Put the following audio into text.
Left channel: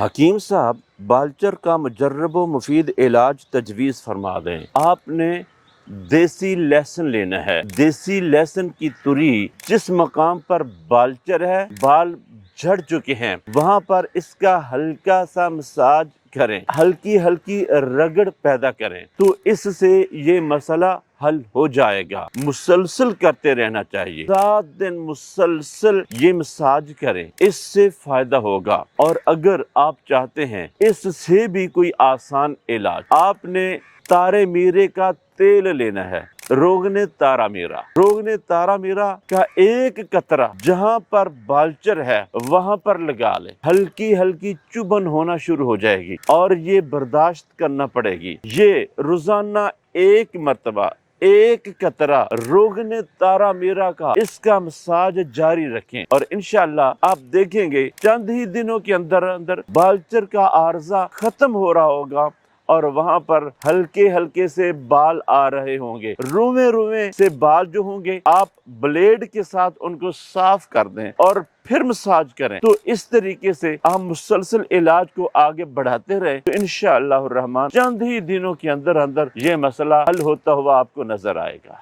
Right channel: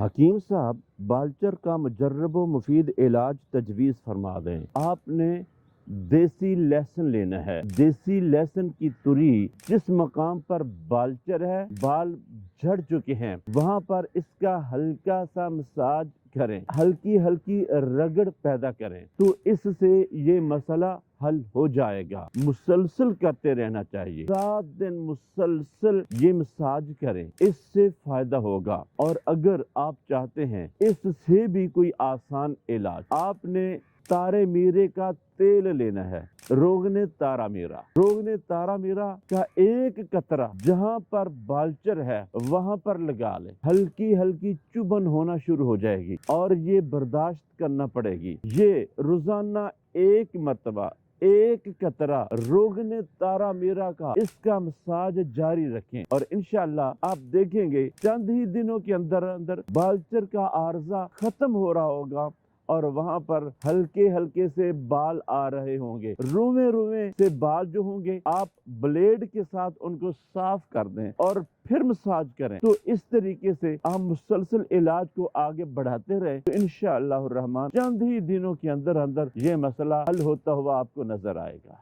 حکیم صاحب بالچر کا مجرب و مفید علاج تجویز فرما دیں۔ آپ نے دیسی لہسن لینا ہے۔ دیسی لہسن کی تری جس مقام پر بالچر ہے، بال جھڑ چکے ہیں، وہاں پر اس کا ہلکا سا مساج کریں، ہلکی ہلکی رگڑ پیدا کریں تو اس سے یہ مسئلہ حل ہو جائے گا۔ مسلسل کرتے رہنا چاہیے، 7 دن مسلسل یہ مساج کریں، اس سے فائدہ ہوگا۔ اور اگر آپ چاہتے ہیں اس سے بھی کوئی آسان علاج، آپ نے تارے میرے کا تیل لینا ہے، روغن تارا میرا۔ روغن تارا میرا کا ایک قطرہ جہاں پر بالچر ہے وہاں پر لگا لیں، ہلکی ہلکی چبھن ہونا شروع ہو جائے گی اور یہ برداشت کرنا پڑے گی۔ یہ روزانہ ایک مرتبہ ایک قطرہ روغن تارا میرا کا اس کا مساج جاری رکھیں اور انشاءاللہ آپ دیکھیں گے چند ہی دنوں کے اندر اندر بالچر کا عارضہ ختم ہو رہا ہوگا اور وہاں پر ہلکے ہلکے سے بال آ رہے ہوں گے۔ روئیں روئیں سے بال جو ہوں گے آپ بلیڈ کے ساتھ ان کو صاف کر دیں اور پھر مساج کریں تو اس طریقے سے آپ مسلسل علاج کو آگے بڑھاتے رہیں تو انشاءاللہ الرحمن چند ہی دنوں کے اندر اندر یہ مسئلہ حل ہوتا ہوا آپ کو نظر آئے گا۔